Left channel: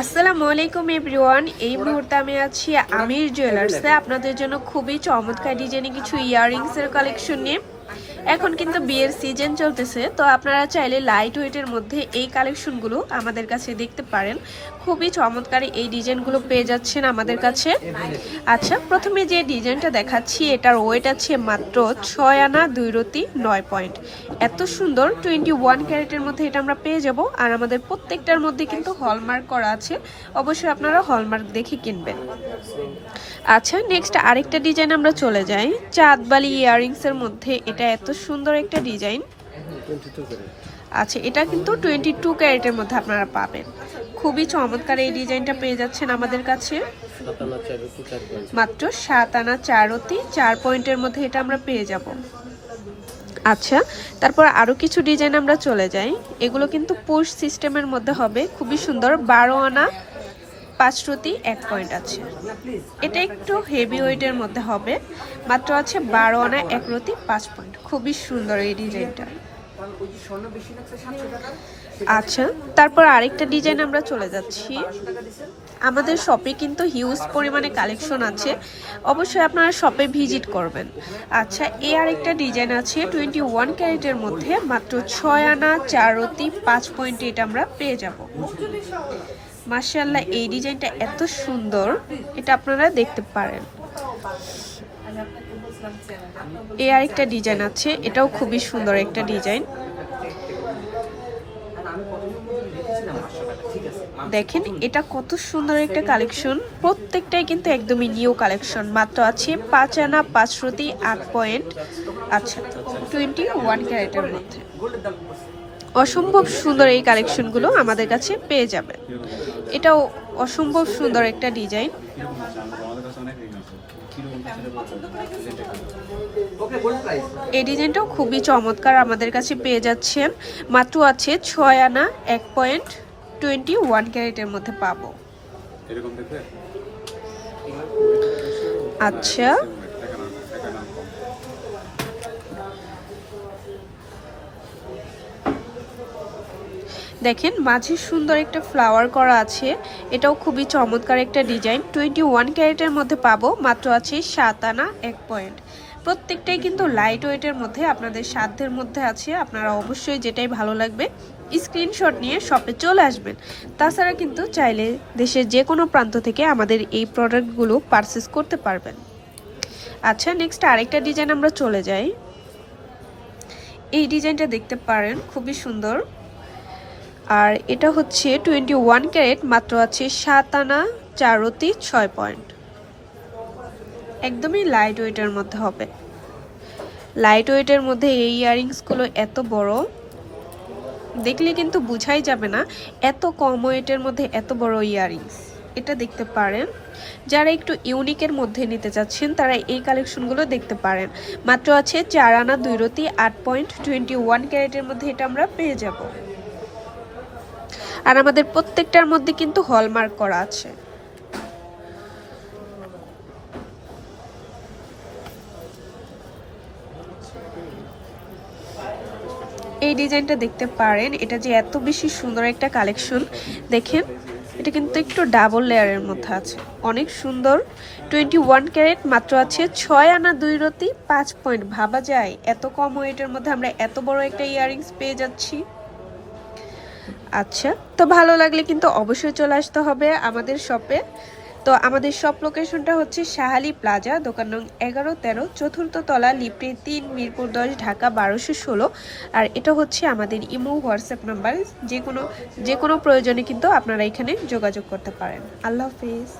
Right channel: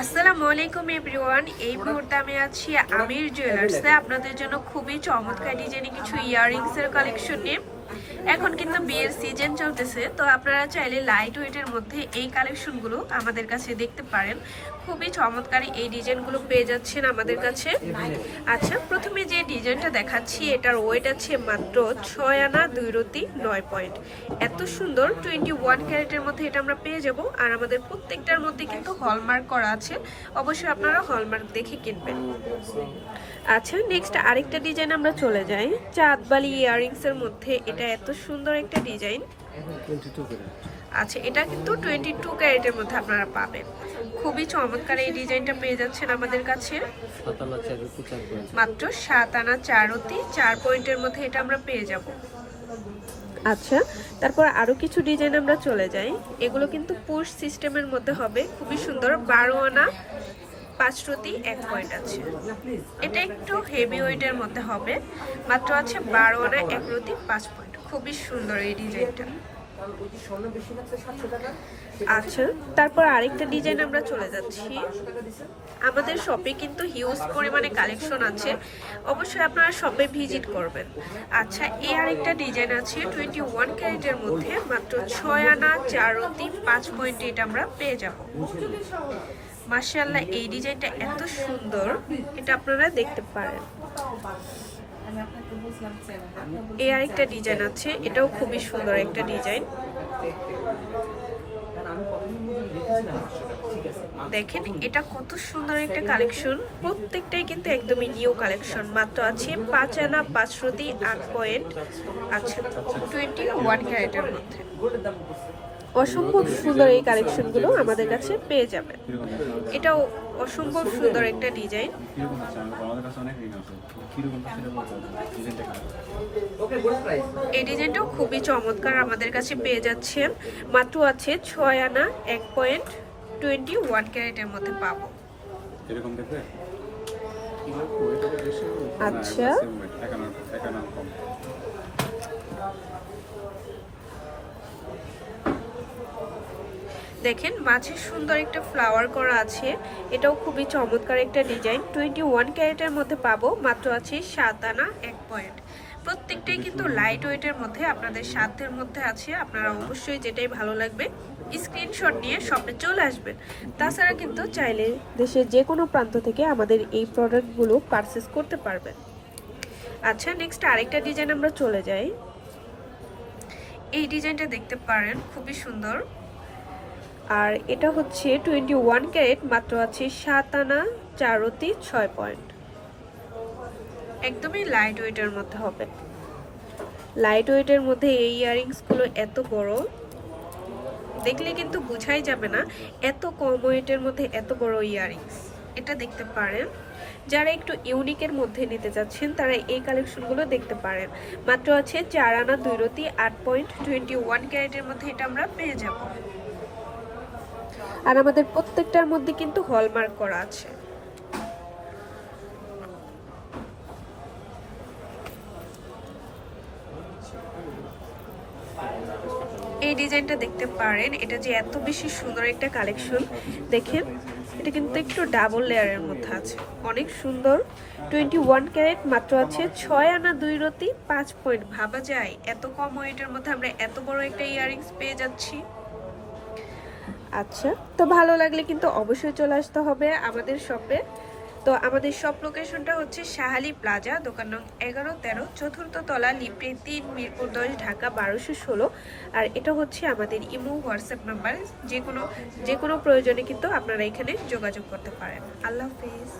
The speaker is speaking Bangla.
আসসালামু আলাইকুম এভরিওয়ান। এই মুহূর্তে আমি আছি আমির জুয়েলার্সে আপনাদের জন্য খুবই চমৎকার ডিজাইনে কিছু ইয়াররিংসের কালেকশন নিয়ে। এখন কিন্তু বিয়ের সিজন চলতেছে, তো আপনারা চাইলে লাইট ওয়েটের মধ্যে এই কালেকশনগুলো আমাদের কাছে দেখতে পারেন। খুবই চমৎকার এই ডিজাইনগুলো পেয়ে যাচ্ছেন আমাদের কাছে। আচ্ছা, প্রথমে যে ডিজাইনটা দেখাচ্ছি এটার ওয়েট আছে মাত্র 6 আনা 2 রতি 9 পয়েন্ট। এত সুন্দর 21 ক্যারেটের মধ্যে এটা আমরা পেয়ে যাব। আর আমাদের প্রত্যেকটার মধ্যে কিন্তু হলমার্ক করা আছে, অবশ্যই আপনারা হলমার্ক দেখে কিনবেন। আচ্ছা, নেক্সট আরেকটা ডিজাইন আমরা চলে যাই। চাঁদবালি ইয়াররিংসের মধ্যে এটা এত সুন্দর একটা ডিজাইন। আচ্ছা, এটা কিন্তু 22 ক্যারেটের মধ্যে আপনারা পাবেন। খুবই চমৎকার এই ডিজাইনটা পেয়ে যাচ্ছেন আমাদের কাছে মাত্র 7 আনা 4 রতি 4 পয়েন্টের মধ্যে এটা আমরা পেয়ে যাব। আচ্ছা, তারপর আরো কিছু ডিজাইন আমরা চলে যাই। এগুলো কিন্তু পুশ সিস্টেমের মধ্যে হবে, খুবই সুন্দর। 12 আনা 5 রতি 1 পয়েন্ট আছে। এটা একটু হেভি ওয়েটের মধ্যে হবে, মাত্র আছে 12 আনা 1 রতি 5 পয়েন্ট। খুবই সুন্দর এই ডিজাইনটা। আচ্ছা, তারপর আরেকটা ডিজাইন আমরা চলে যাচ্ছি। আমাদের শপে কিন্তু হিউজ পরিমাণে কালেকশন আছে, অবশ্যই আপনারা শপে ভিজিট করবেন। আচ্ছা, এই আরেকটা ডিজাইন আছে 21 ক্যারেটের মধ্যে, মাত্র 6 আনা 4 রতি 5 পয়েন্টে এটা আমরা পেয়ে যাব। মাশাআল্লাহ, এই ডিজাইনটা এত সুন্দর, এটা আপনারা দেখতে পারেন। এই আরেকটা ডিজাইন আছে, এটাও খুবই সুন্দর একটা ডিজাইন। দেখেন এটা কত সুন্দর একটা কালেকশন, প্রত্যেকটাই কিন্তু একদমই নিউ কালেকশন। মাত্র আছে 5 আনা 5 রতি 8 পয়েন্ট। আচ্ছা, 21 ক্যারেটের মধ্যে অসম্ভব সুন্দর এই কালেকশনগুলো আমাদের কাছে পেয়ে যাবেন। এটাও অসম্ভব সুন্দর একটা ডিজাইন। এই ডিজাইনটাও খুবই চমৎকার আমাদের কাছে পেয়ে যাচ্ছেন। মাত্র আছে 6 আনা 1 পয়েন্ট 21 ক্যারেটের মধ্যে পাবো। আচ্ছা, দেখেন মাঝে সুন্দর একটা ফ্লাওয়ার করা আছে, এটাও খুবই চমৎকার একটা ডিজাইন। 21 ক্যারেটের মধ্যে পাবো, মাত্র আছে 7 আনা 1 পয়েন্ট। প্রত্যেকটাই কিন্তু লাইট ওয়েটের মধ্যে আপনাদের সাধ্যের মধ্যে আছে। আপনারা অবশ্যই যেটাই ভালো লাগবে স্ক্রিনশট নিয়ে শপে চলে আসবেন। তাছাড়া কিন্তু চাইলে দেশের যে কোনো প্রান্ত থেকে আমাদের এই প্রোডাক্টগুলো পারচেস করতে পারবেন। আচ্ছা, নেক্সট আরেকটা ডিজাইন আমরা চলে যাই। এই ডিজাইনটা দেখতে পারেন, খুবই সুন্দর। আর এটা হচ্ছে 21 ক্যারেট, মাত্র আছে 7 আনা 4 রতি 6 পয়েন্ট। একদমই লাইট ওয়েটের মধ্যে হবে। লাইট ওয়েটের মধ্যে এই ইয়াররিংসগুলো এত বড়, দেখলে কিন্তু বোঝাই যাবে না এত কম ওয়েটের মধ্যে এত বড় ইয়াররিংস। এটা দেখতে পারেন। যারা একটু ইউনিকের মধ্যে নিতে চাচ্ছেন তারা এই কালেকশনগুলো দেখতে পারেন। মাত্র আছে 4 আনা 2 রতি 8 পয়েন্ট। 21 ক্যারেটের মধ্যে এটা আমরা পেয়ে যাব। আর আমাদের প্রত্যেকটার মধ্যে কিন্তু হলমার্ক করা আছে। এই ডিজাইনটা দেখতে পারেন, এটা যে এত বেশি সুন্দর একটা কালেকশন। দেখেন এটা কিন্তু একটু ডাবল লেয়ারের মধ্যে আছে, অনেক সুন্দর। 21 ক্যারেট, মাত্র আছে 6 আনা 2 রতি 5 পয়েন্ট। ভাবা যায় এত কম ওয়েটের মধ্যে আমরা এত বড় একটা ইয়াররিংস পেয়ে যাচ্ছি। আচ্ছা, তো ভালো লাগলে কিন্তু অবশ্যই চলে আসতে হবে আমাদের শপে। তো আমাদের শপ লোকেশনটা হচ্ছে শাহালি প্লাজা, দোকান নং 11-13, চতুর্থ তলা, লিফটে 3, মিরপুর 10, ঢাকা 1216। আর এটা হচ্ছে আমাদের ইমো হোয়াটসঅ্যাপ নাম্বার। যে কোনো প্রয়োজনে কিন্তু আপনারা এখানে যোগাযোগ করতে পারেন। আল্লাহ হাফেজ।